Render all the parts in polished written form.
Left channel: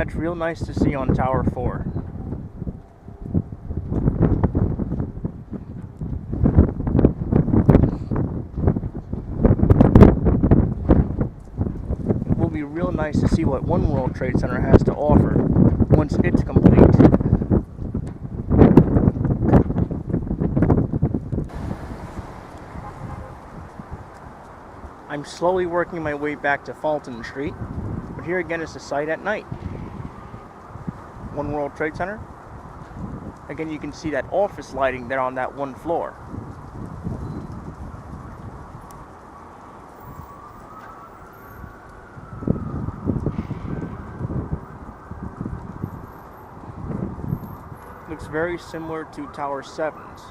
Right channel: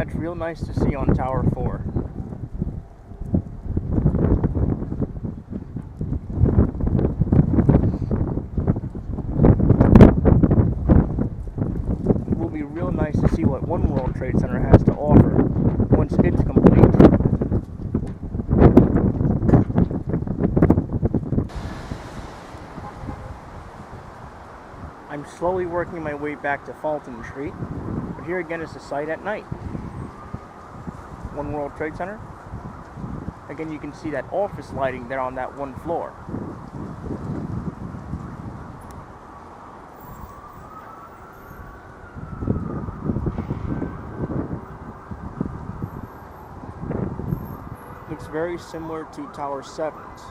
That's real nice to see on Tower 4. It will be real nice to see what One World Trade Center has to offer once it's complete. I'm slowly working my way back to Fulton Street, but here again is the site at night. One World Trade Center. Again, you can see that office lighting there on that one floor. Looks very similar to Tower 7's.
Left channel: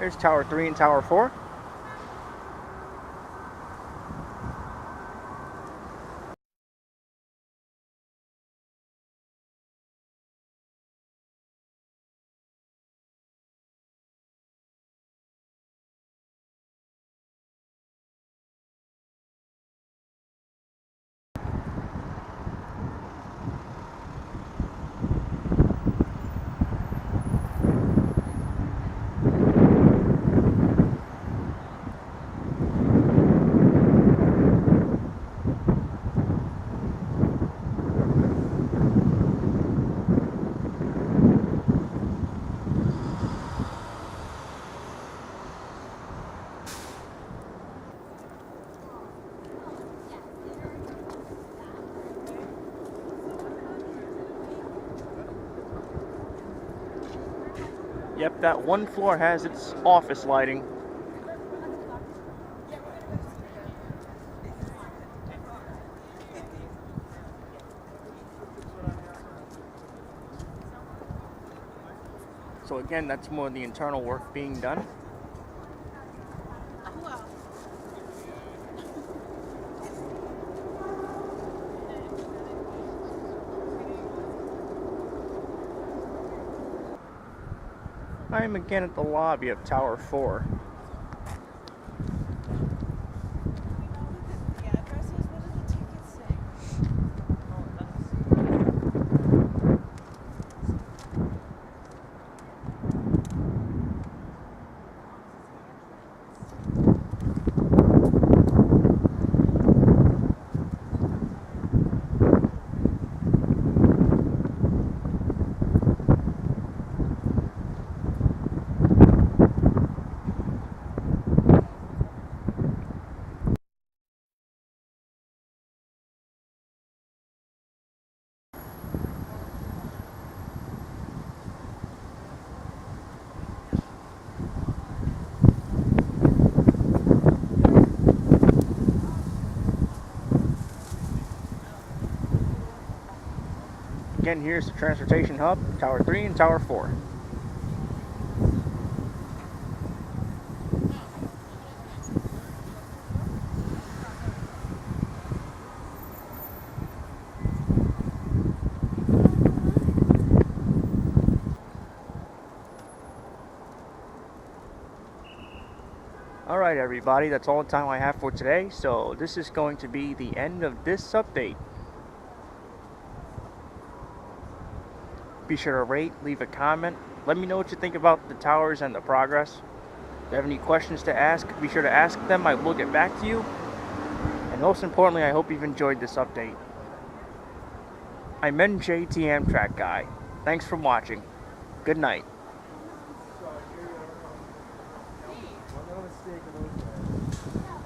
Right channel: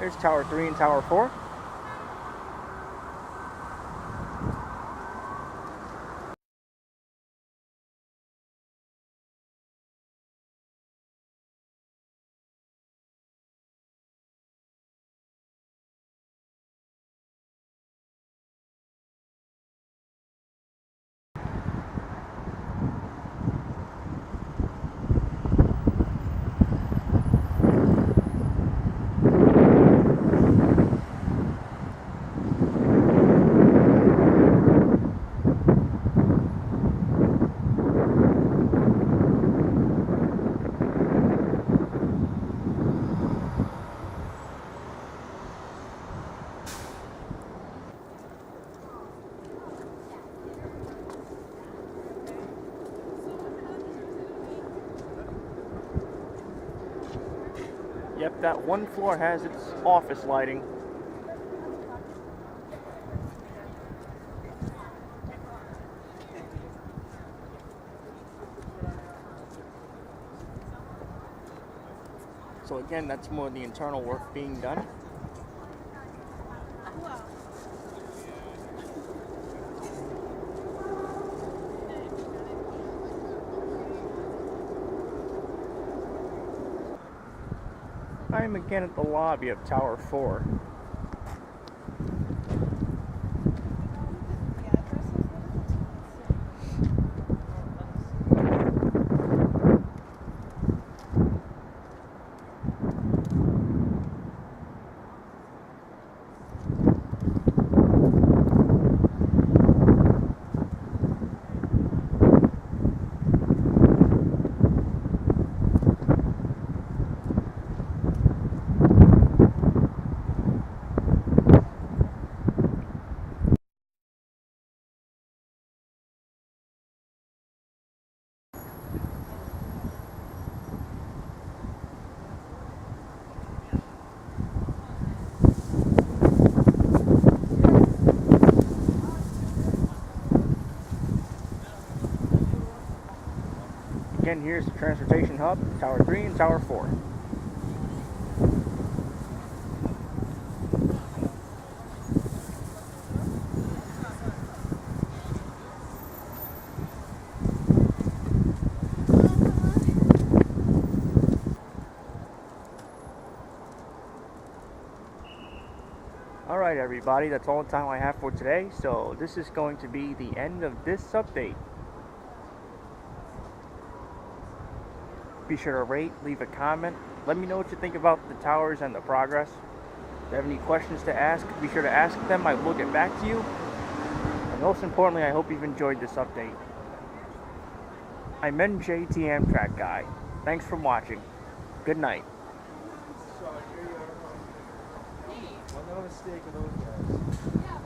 There's Tower 3 and Tower 4. Yep, that one floor has its office lighting. So again, that's more of the internal work being done. I am again at the lobby of Tower 4. Again, here's the transportation hub, Tower 3 and Tower 4. Alright everybody, that's all the time I have for today, so this is going to be the end of this update. Be sure to rate, leave a comment, let me know what you think about the towers and the progress. If you have any questions to ask, be sure to ask them, I will get back to you. And most importantly, I hope you've enjoyed this update. I'm NJT Amtrak Guy. Thanks for watching. Good night. No mistake of those guys.